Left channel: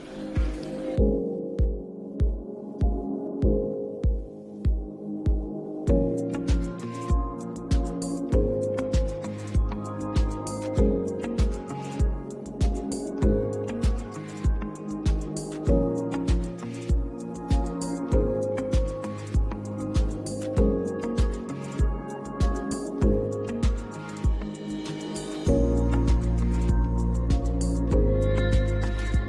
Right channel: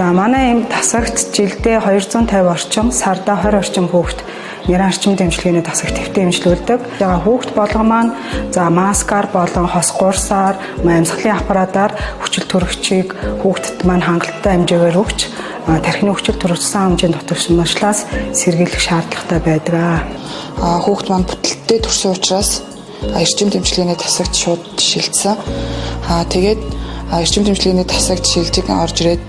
За манай энэ тасагт жилдээ 250 орчим, сарда 20 орчим хүүхэд нэрийн арчим дэмжлэгийн тасагт төвтэй эмчилүүлдэг. За хүүхэд болгон маань маскаар болон хос гурсаар, амьсгалын аппаратаар хүчил төрөгчийг хүүхдэд маань хангалттай хэмжээгээр өгч тархины хүчил төрөгчсөн хэмжээнд дотогшмошлаас сэргийлэх шаардлагатай байдаг. Хүүхэд маань бүтэлтэй төрсөн учраас эрчим дэмжлэгийн тасагт шууд шилжсэн. Тэгээд эрчим дэмжлэгийн тасагт шилжиж орж ирээд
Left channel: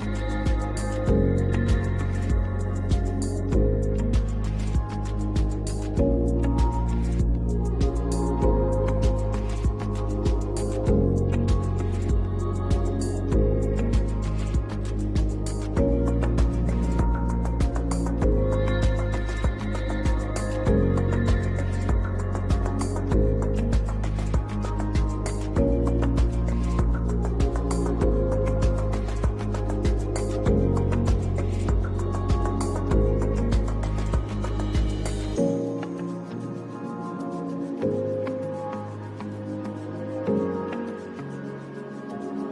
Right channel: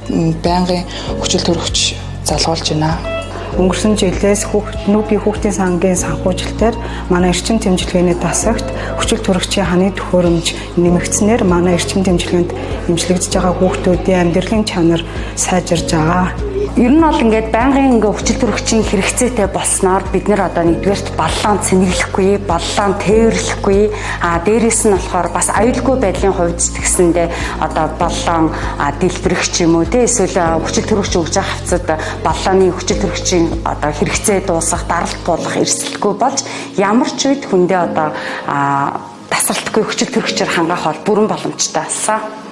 байнгын хүчил төрөгч залгуулж байна. Өнгөрсөн жилээс нүүбийн хүүхдийн сангийн санхүүжилтээр манай эрчим дэмжлэгийн тасагт хүчил төрөгчийн ханы төхөөрөмж нэмэгдснээр манай эрчим дэмжлэгэнд эмчилэгдэж байгаа хүүхдүүдийн амьдралын чанар сайжирж байгаа. Ер нь бол ингээд байнгын хүчил төрөгчийн хэрэгцээтэй болсноор бид нэр одоо нэгдүгээрт баллаан цэнэглэхгүй, баллаан тээвэрлэхгүй, дээрээс нь болохоор бас аюулгүй байдлын хувьд тэгсэндээ одоо баллаан дэлбэрэх ч юм уу те эсвэл хүчил төрөгч өгж байгаа хавцад баллааны хүчил төрөгчийн одоо хэрэгцээ дуусах, даралт болох эрсдэлгүй болж ямар ч үед хүндээ одоо тасралтгүй хүчил төрөгчөөр хангах бол бүрэн боломжтой болсон.